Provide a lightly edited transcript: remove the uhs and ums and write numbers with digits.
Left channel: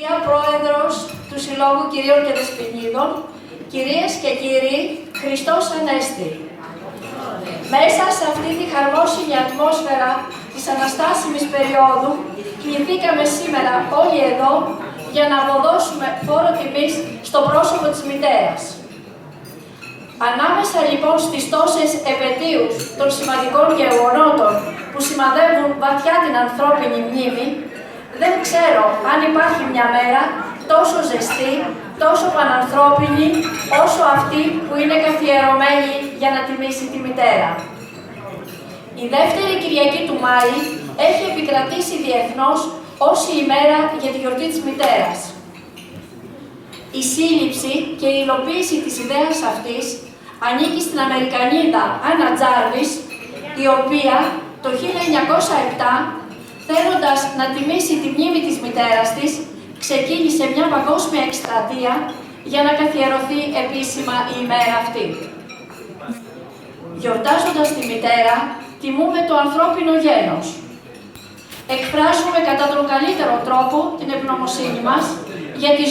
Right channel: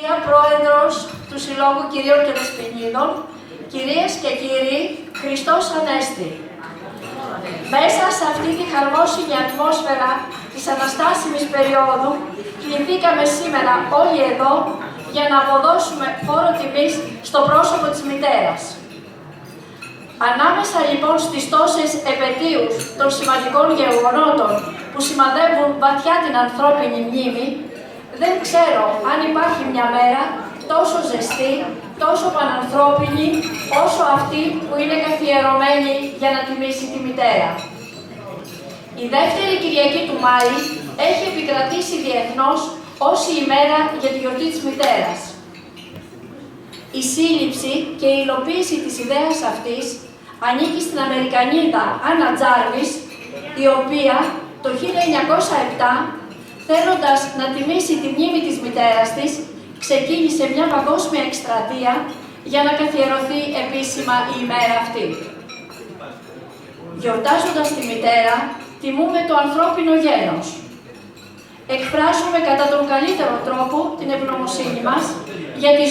Κυρία Πρόεδρος του Συλλόγου Κυρίων και Δεσποινίδων, κυρίες και κύριοι, Χριστός Ανέστη. Μέσα σε αυτή τη χαρμόσυνη ατμόσφαιρα της αναστάσιμης περίοδου, κληθήκαμε σήμερα όλοι εδώ για να αποδώσουμε φόρο τιμής στο πρόσωπο της μητέρας. Ανάμεσα λοιπόν στις τόσες επετείους των σημαντικών γεγονότων που σημαδεύουν βαθιά την ανθρώπινη μνήμη, δεν ξέρω αν υπάρχει μια μέρα τόσο ζεστή, τόσο πανανθρώπινη, όσο αυτή που είναι καθιερωμένη για να τιμήσει τη μητέρα. Η δεύτερη Κυριακή του Μάη έχει επικρατήσει διεθνώς ως η ημέρα για τη γιορτή της μητέρας. Η σύλληψη και η υλοποίηση της ιδέας αυτής ανήκει στην Αμερικανίδα Άννα Τζάρβις, η οποία το 1907, θέλοντας να τιμήσει τη μνήμη της μητέρας της, ξεκίνησε μια παγκόσμια εκστρατεία για να καθιερωθεί επίσημα η ημέρα αυτή. Γιορτάζοντας τη μητέρα, τιμούμε το ανθρώπινο γένος. Εκφράζουμε κατά τον καλύτερο τρόπο την ευγνωμοσύνη μας για τη